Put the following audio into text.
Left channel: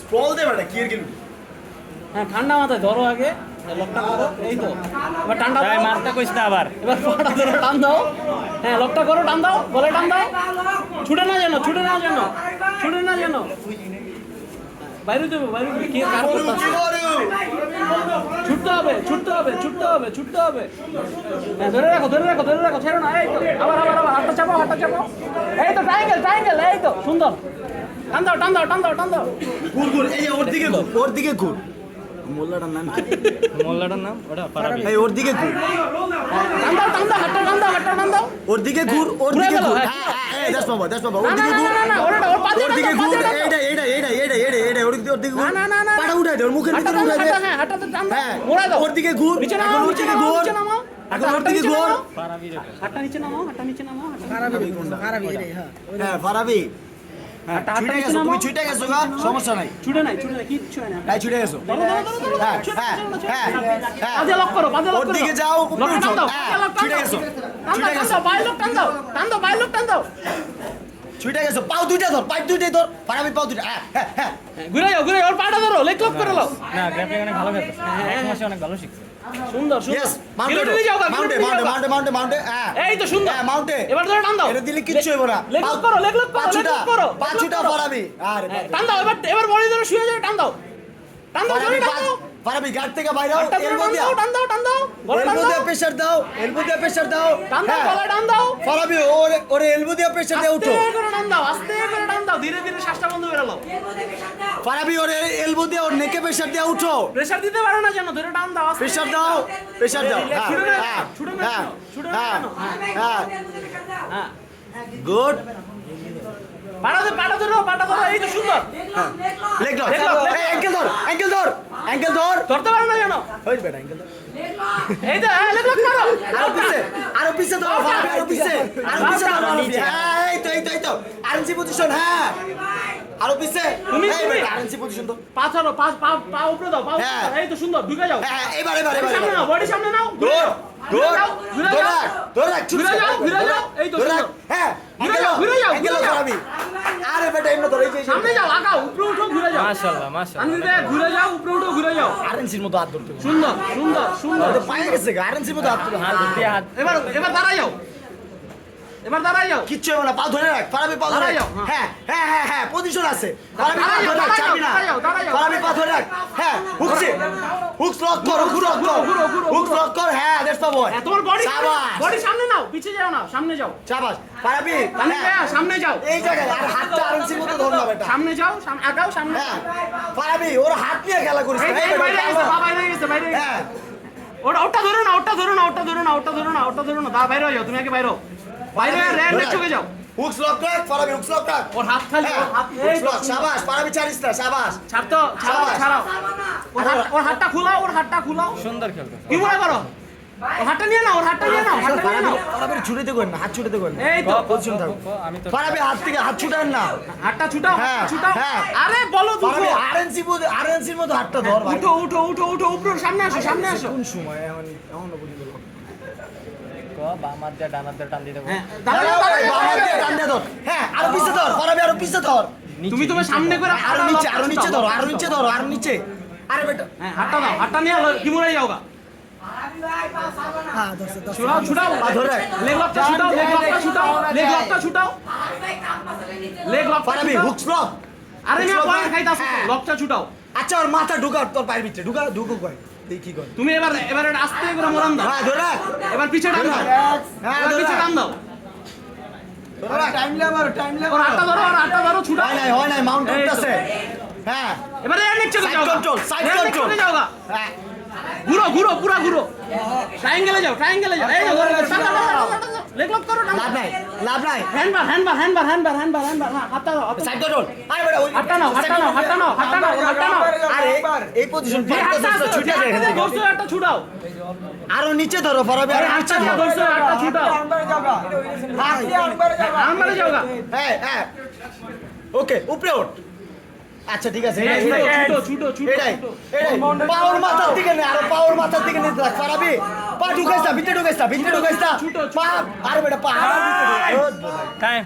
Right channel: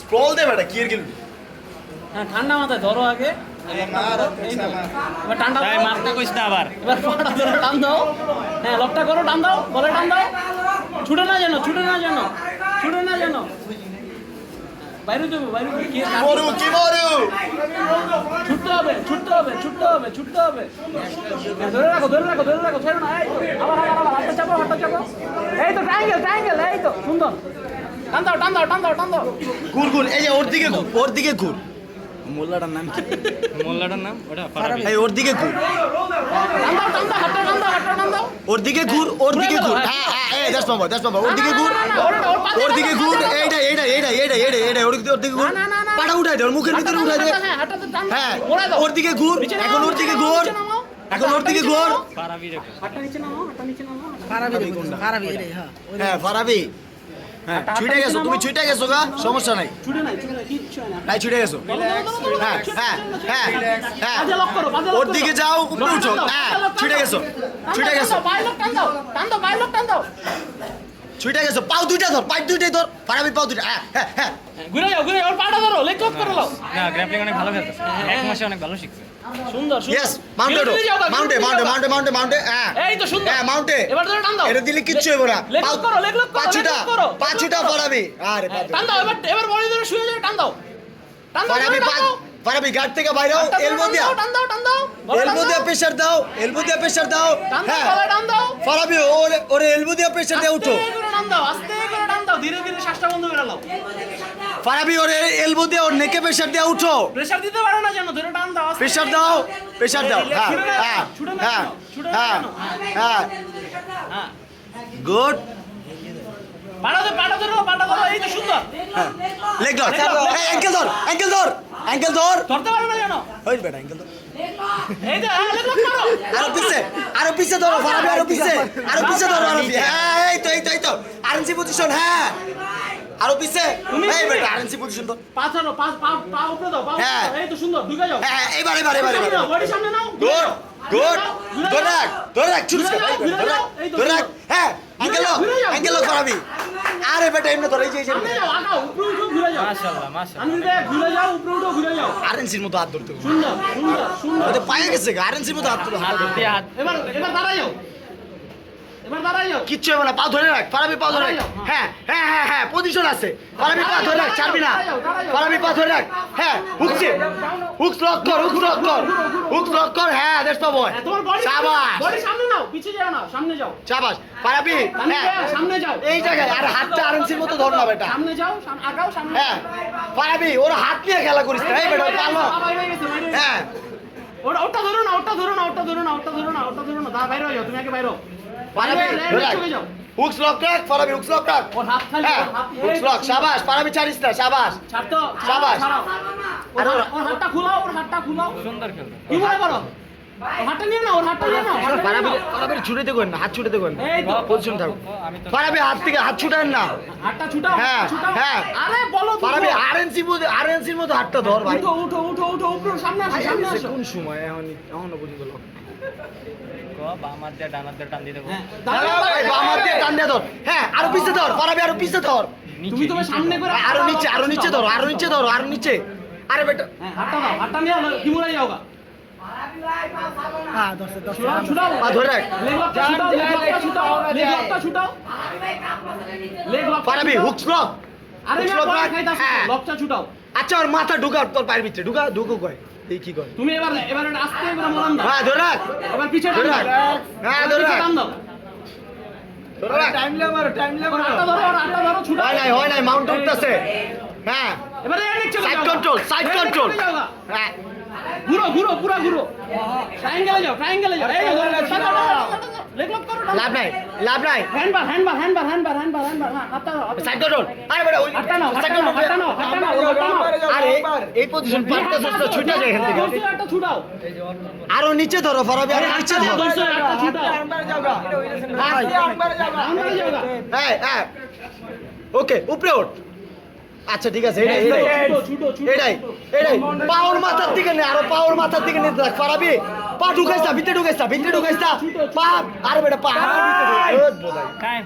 স্প্রল দে বেটা কি এর গেল হ্যাঁ ঠান্ডা মাথায় ধরো আগে এই তো এবার ঠান্ডা ভাই মারতে কইছ না আবার এবার ফটা ধরে টান দাও হ্যাঁ লকটা করো টান দাও বলে টান দাও ছুটে না যেন বাইরে দেবো কি মরু ছুটতে হবে ধরে রাখো ছেড়ো না এই তো আবার হাতটা চাপো এই তো ট্রায়াঙ্গেল এই তো সুন্দর টান দাও ঘুর এই যে ওর দিকে ঘুর মোল্লাটার নাম কি মোল্লাটার নাম ওটা ফারাবি এই ওর দিকে ঘুর হাতটা টান দাও ওর দিকে ঘুর হ্যাঁ এই দাস বাবা ওর দিকে ঘুর এইটা ওর দিকে ঘুর পাটা উঠাই দে ওর মুখের ভিতরে উঠাই দে হ্যাঁ ওর দিকে ঘুর এখন ওর দিকে ঘুর ফারাবি রে হাতটা নিচে নামাও হ্যাঁ ফারাবি হ্যাঁ তুমি ছুটে গেছো গা সমস্যা নাই ছুটে নাই কিচ্ছু হয় না তাই ছুটে গেছো হ্যাঁ ওর দিকে যাও উপরে উঠো হ্যাঁ ছুটে গেছো ছুটে গেছো পাও দুইটাই ধর ফারাবি পাও দুইটা হ্যাঁ ঘুরে যাও ওর পাটা ধরো লেগ লক করে নাও না গ্র্যাপলিং অনেক ভালো খেলতেছে এক মাসে অনেক ভালো শিখছে সুন্দর ইয়েস মাউন্টে হ্যাঁ এই তো সুন্দর হ্যাঁ মাউন্টে এবার ধরে টান দাও এটা দিলে কিচ্ছু হইব না লেগ লক করো পাঁচুটা ফারাবি আরে টান দাও এবার বডি ধরে শুয়ে যাও টান দাও ফারাবি গার্ড থেকে বাইরে হও এলবো দিয়া টান দাও এলবো দিয়ে প্রেসার দাও হ্যাঁ টান দাও ফারাবি ওরে এলবো দিয়ে প্রেসার দিয়ে উঠো আস্তে করে টান দাও ধীরে শ্বাসটা বন্ধ করে নাও ফারাবি ওরে এলবো দিয়ে ওর নেকে প্রেসার দিয়ে উঠো প্রেসার দিতে পারো না জানো ধরে টান দাও প্রেসার দাও হ্যাঁ গুড পাটা ধরো এই তো সুন্দর লেগ ধর এই অ্যাঙ্কেল ধর ধরতে পারো না জানো ওই বেটা অ্যাঙ্কেল ধর এই তো লেগ লক করো আরো পিছে ধরো ফারাবি আরো পিছে ধরো হ্যাঁ এই তো আরএনসি পজিশন হ্যাঁ আরো পিছে এই বেটা আরএনসি পজিশন তো পা উপরে দাও হ্যাঁ। এই তো সুন্দর ঢুকে যাও হ্যাঁ এবারে বডি সামনে নাও গুড ধরে রাখ ধরে রাখ হ্যাঁ অ্যাঙ্কেল ফারাবি আরে বেটা এমনি ধরে এই যে সামনে যাও আগাও উপরে উঠো ঘুরে যাও মাশাআল্লাহ ঘুরে যাও উপরে উঠো ঘুরে যাও আরএনসির মতো হাত ধরতে সুন্দর ওটা পায়ে গেছে আরএনসির মতো হাত ধরতে এবার দাঁড়াই যাও কিচ্ছু হবে না পা ধরে রাখ ফারাবি পা ধরে রাখ হ্যাঁ পজিশন আছে ফারাবি পা ধরে রাখ ছাড়বি না ফারাবি পা ধরে রাখ হ্যাঁ হুকস লক কর হ্যাঁ দ্যাটস মাই বয় তোমার বডি সামনে নাও পিছে যাও না সামনে যাও শাবাশ ফারাবি হ্যাঁ সামনে যাও এই জায়গায় আর হাতটা আরএনসির মতো ধর না বেটা সামনে যাও আগাও সামনে হ্যাঁ ফারাবি ওর হাত নিয়ে খেলা করিস না এই বেটা পালো হ্যাঁ ওটা ধরো না দা বাইরে যাও তুমি আগে বাইরে যাও হুকস লক রাখ ফারাবি হুকস লক রাখ ওর হাত খালি হুকস লক শাবাশ ফারাবি ছাড়িস না শাবাশ ছাড় তো শাবাশ। ওর হাতটা খুলাও সুন্দর খেলতে কি মনে করো ওর হাতটা নিয়ে না ফারাবি ছুটে করেন না হাত ছুটে করেন না এই তো পজিশন থাকো আমি তো ফারাবি হাত থেকে হাত ছুটান না হাতটা ছুটাও হ্যাঁ। আরে বলো ফারাবি আরএনসির মতো হাতটা ধর ভাই উঠো উপরে সামনে আসো কোন সময় এখনো পর্যন্ত লক বাম হাত দিয়ে ডান হাত দিয়ে টান দিতে ফারাবি বাম হাত দিয়ে টান দিয়ে ধর হ্যাঁ আরো পিছে ধর ফারাবি আরো পিছে ধর তুমি তোমার সামনে করে আরো নিচে ধরো আরো নিচে আরে বেটা হাতটা নিয়ে কি মনে যাওগা হ্যাঁ ছুটাও পা ধরে রাখ লেগ লকটা ছুটাও ফারাবি হুকস লক আরে হুকস লক রাখ হ্যাঁ লকটা ছুটাও আচ্ছা ওর মাথা ঢুকা তোর পায়ের ভিতরে ঢুকো কয় এই কি করে তুমি এবার আস্তে করে মরান দাও হ্যাঁ ধরে রাখ এবার পিছে ধরে রাখ হ্যাঁ ধরে রাখ টান দাও ধরে রাখ ওর হাতটা ধরো ছুটাও হয় নাই মাউন্ট উঠতেছে হ্যাঁ এবারে নিচে সাইড কন্ট্রোল হ্যাঁ ঘুরো ট্রায়াঙ্গেলে যাও এই লেগ লক করো লাভ নাই হ্যান্ডবার হাতটা সাইড কন্ট্রোল আরে বেটা ওই হাতটা নাও আরে এই পজিশন পারতেছ তো ছুটে যায় একটা ছুটাও আরো নিচে ধরো ফারাবি আরো নিচে ধরো একটা ছুটাও আমবারে যাওগা হ্যাঁ ওকে উপরে ওঠ আচ্ছা ঠিক আছে এটাই পাওয়ার মাথার দিকে নে আরো পাওয়ার মাথার দিকে নিতে থাক ফারাবি পা ঢুকাইছ না ভিতরে ঢুকাইছ না পা আরে বেটা পা টাইম